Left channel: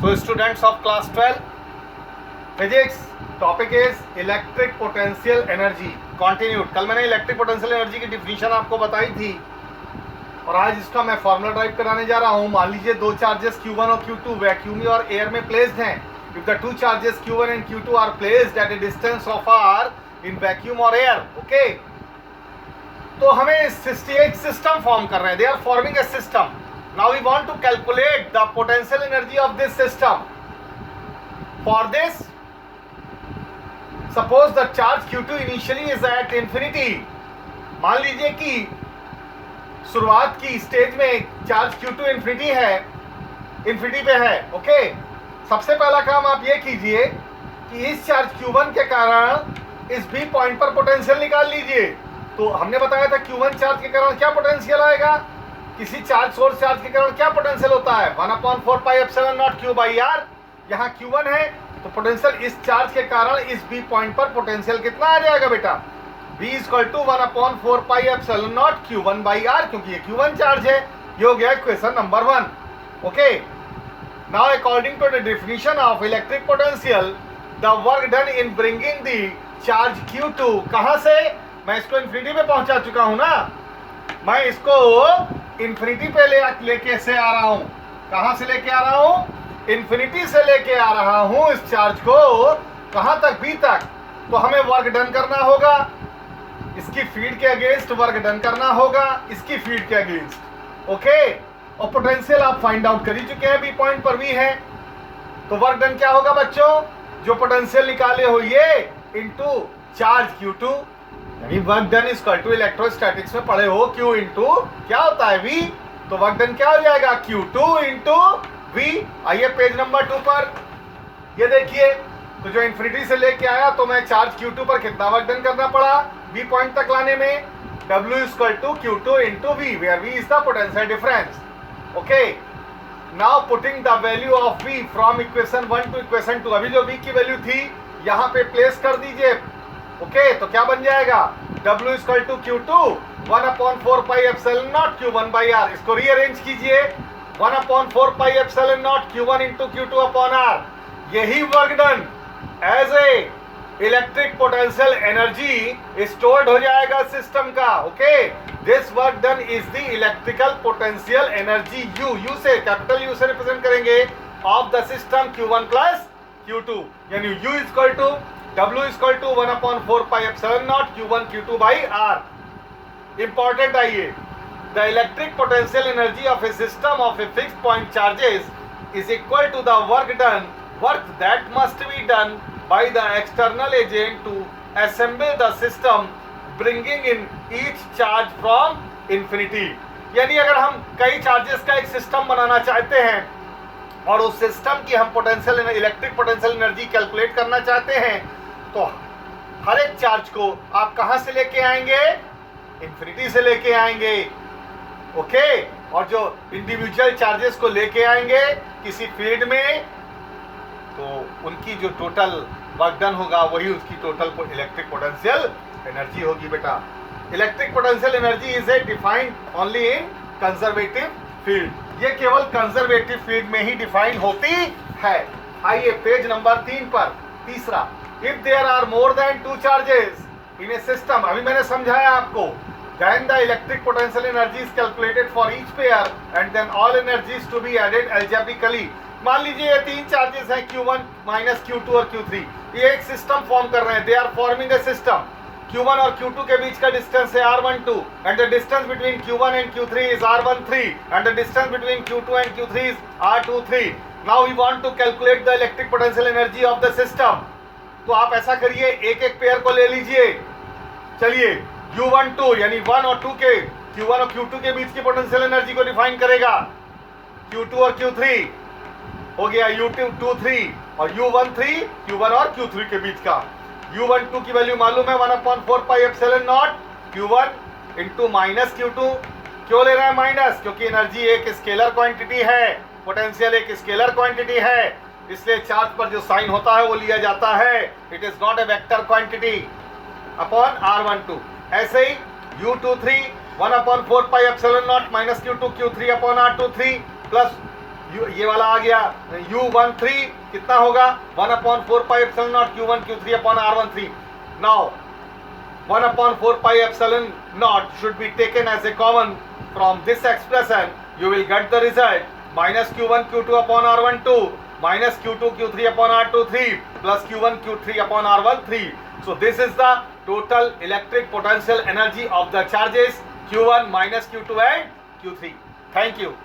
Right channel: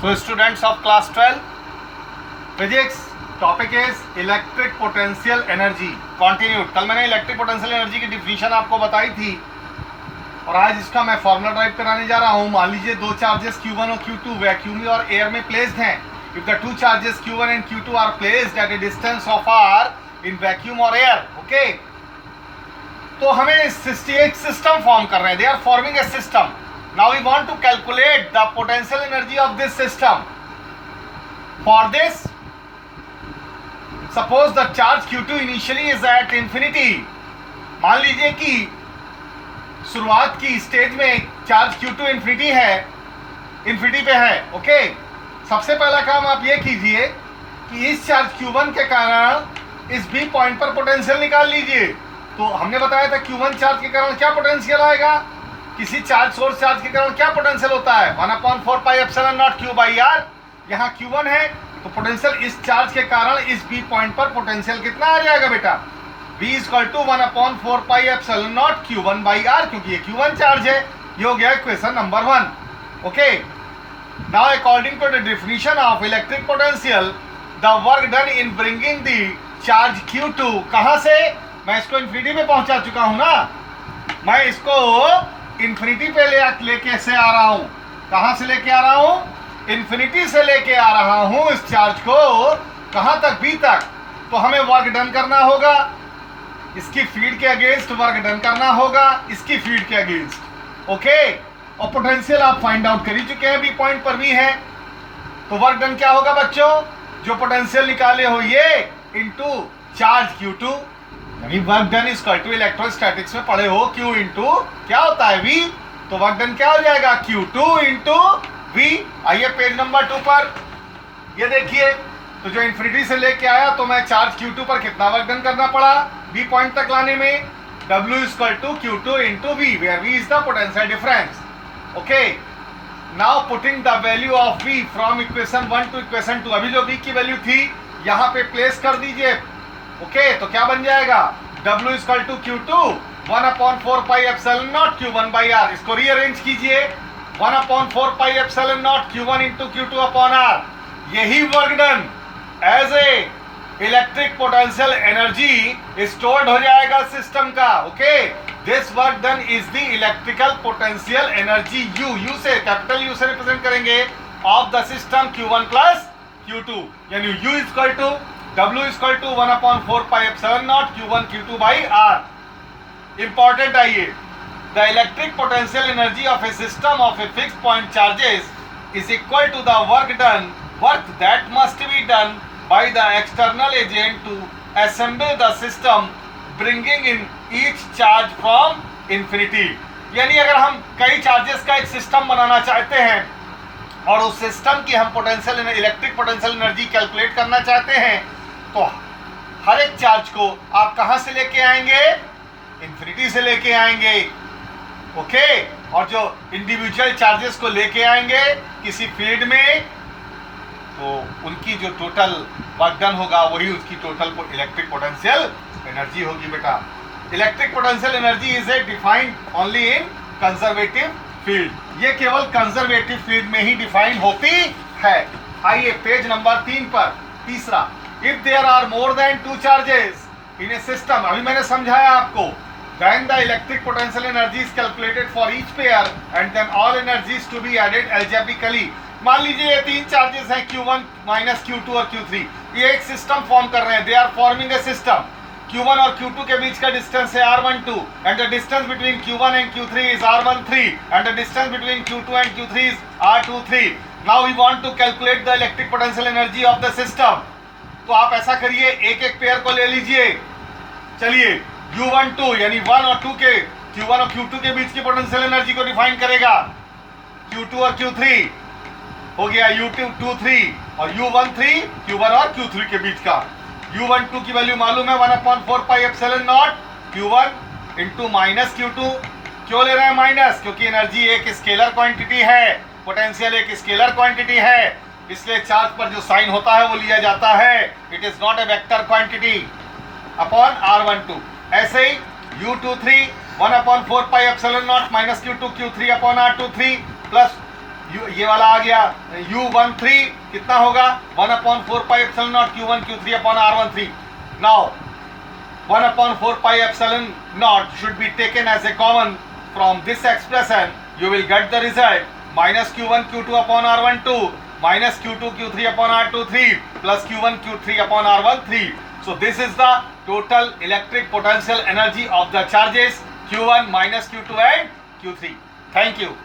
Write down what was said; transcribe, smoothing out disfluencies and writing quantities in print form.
So students of class 12 physics, topic is electric potential energy continued. कल मैंने electric potential energy की definition आपको बताई थी और आज इसका मैं फॉर्मूला ड्राइव कराने जा रहा हूं। मान लीजिए दो चार्जेस Q1 और Q2 वैक्यूम और एयर में प्लेस्ड हैं। If the two charges Q1 and Q2 are placed at a distance of r in vacuum और एयर, ओके, तो हमें एक सिस्टम फॉर्म कर रहे हैं। They are forming a system. Now we want to calculate the potential energy of this system. For this suppose the charge Q2 initially is at infinity. मान लीजिए कि शुरुआत की स्टेज में चार्ज Q2 इंफिनिटी है, इंफिनिटी पे है, okay. सबसे पहला काम आप ये कीजिए कि इस चार्ज Q1 के कारण इस B पॉइंट पर पोटेंशियल निकाल लीजिए। तो हमने बताया था Q1 चार्ज के कारण क्या पोटेंशियल आएगा, किसी चार्ज सोर्स चार्ज के कारण क्या पोटेंशियल होता है, 1/4 pi epsilon not Q by R। यहाँ Q1 है तो पोटेंशियल इस चार्ज के कारण इस B पॉइंट पर पोटेंशियल कितना आ जाएगा बेटा, B equal to 1/4 pi epsilon naught Q1 by R, क्योंकि ये Q1 चार्ज है। ये हो गया question number 1, okay. Now according to the definition of electric potential, the work done in bringing the charge Q2, कहां से, मैं इसको इंफिनिटी पे पहुंचा चुका हूं ना, मैं इसको इंफिनिटी पे लेके से आ रहा हूं। कहां से लेके आ रहा हूं, इंफिनिटी से लेके आ रहा हूं इस चार्ज को, कहां तक, बी तक। तो हमें वर्क डन करना होगा, इसकी फील्ड के अगेंस्ट वर्क डन करना होगा, इसकी फील्ड के अगेंस्ट, ओके। और पोटेंशियल आप फाइंड आउट कर ही चुके हैं, बी पॉइंट पर भी है। तो वर्क डन क्या होगा बच्चों, जो पोटेंशियल निकाले हो ये इंटू चार्ज Q2, यानी work done is equal to electrostatics में पढ़े हो Q इंटू क्या होता है V। तो वर्क डन क्या हो जाएगा, Q2 इंटू V। आइए पेज नंबर 2 पर, ये देखिए। तो जो इंफिनिटी से लेके आया तो मैं चार्ज Q2 पर कितना वर्क डन करना पड़ा B पॉइंट तक लाने में, W equal to Q2 into V, where V is the potential difference, okay. Now putting the value of V from equation 1 to equation 2, अभी जो V की वैल्यू थी यहाँ पे प्लेस कर दीजिए, ओके। तो क्या बन जाएगा, W equal to Q2 1/4 pi epsilon naught Q1 by R। इसको रीअरेंज कीजिए, 1/4 pi epsilon naught Q1 into Q2 upon R। यही work done as a electric potential energy stored हो जाएगा सिस्टम का, okay. This work done is the electrical potential energy U से, capital U से represent करेंगे, of the system Q1 plus Q2, यानी U equal to W equal to 1/4 pi epsilon naught Q1 Q2 by R। Important आइए, the electric potential energy of a system of a fixed point charges is equal to the work that must be done by the external agent to assemble the system, bringing in each charge from infinity। यानी अगर हम कई charges का एक system बनाना चाहते हैं और उस सिस्टम की हम potential electric potential energy calculate करना चाहते हैं, तो हर एक चार्ज को आप कहां से लेके आएंगे, इंफिनिटी से लेके आएंगे, ओके। और जो इंडिविजुअल चार्जेस को लेके आएंगे किसी फील्ड में, तो उनकी जो टोटल वर्क डन होगा वही उसकी टोटल इलेक्ट्रिक पोटेंशियल एनर्जी होगी बेटा। Electric potential energy is a defined only in conservative field. ये केवल कंजर्वेटिव फील्ड में ही डिफाइन होती है। आइए पेज नंबर 3 पर, तीसरा, if there are more than 2 charges in a system, अभी मैंने समझाया आपको, then the electric potential energy is calculated for each pair and then all energies to be added algebraically। मान लीजिए ये 3 चार्जेस हैं Q1 माइनस Q2 और Q3, ये एक सिस्टम फॉर्म कर रहे हैं, they are forming a system. Q1 और Q2 के बीच का डिस्टेंस है R12 and the distance between Q1 and Q3 is R13 and the distance between Q2 and Q3 is R23। now we want to calculate the electric potential energy of the system। तो आप ऐसा करिए, एक एक pair को ले लीजिए। चलिए U12 यानी 1 और 2 के, Q1 और Q2 के बीच की पोटेंशियल एनर्जी को डिफाइन करेगा, Q2 और Q3 हो गया U23 और U13 Q1 और Q3 के बीच का। U12 की वैल्यू मालूम है 1/4 pi epsilon naught Q1 into minus Q2। क्यों ले रहे हैं माइनस, क्योंकि एनर्जी एक स्केलर क्वांटिटी है, पोटेंशियल एक स्केलर क्वांटिटी है, इसलिए चार्ज पर जो साइन होता है वो लिया जाता है, it is not a vector quantity, upon R12। ऐसे ही U23 1/4 pi epsilon not minus Q2 Q3 upon R23 plus ये वाला आ गया U13 कितना होगा 1/4 pi epsilon naught Q1 Q3 upon R13. Now 1/4 pi epsilon naught should be taken as a common from this expression. You will get the result minus Q1 Q2 upon R12 minus Q2 Q3 upon R23 plus Q1 Q3 upon R13. So this is the total electric potential energy of the charges Q1 minus Q2 and Q3. Thank you.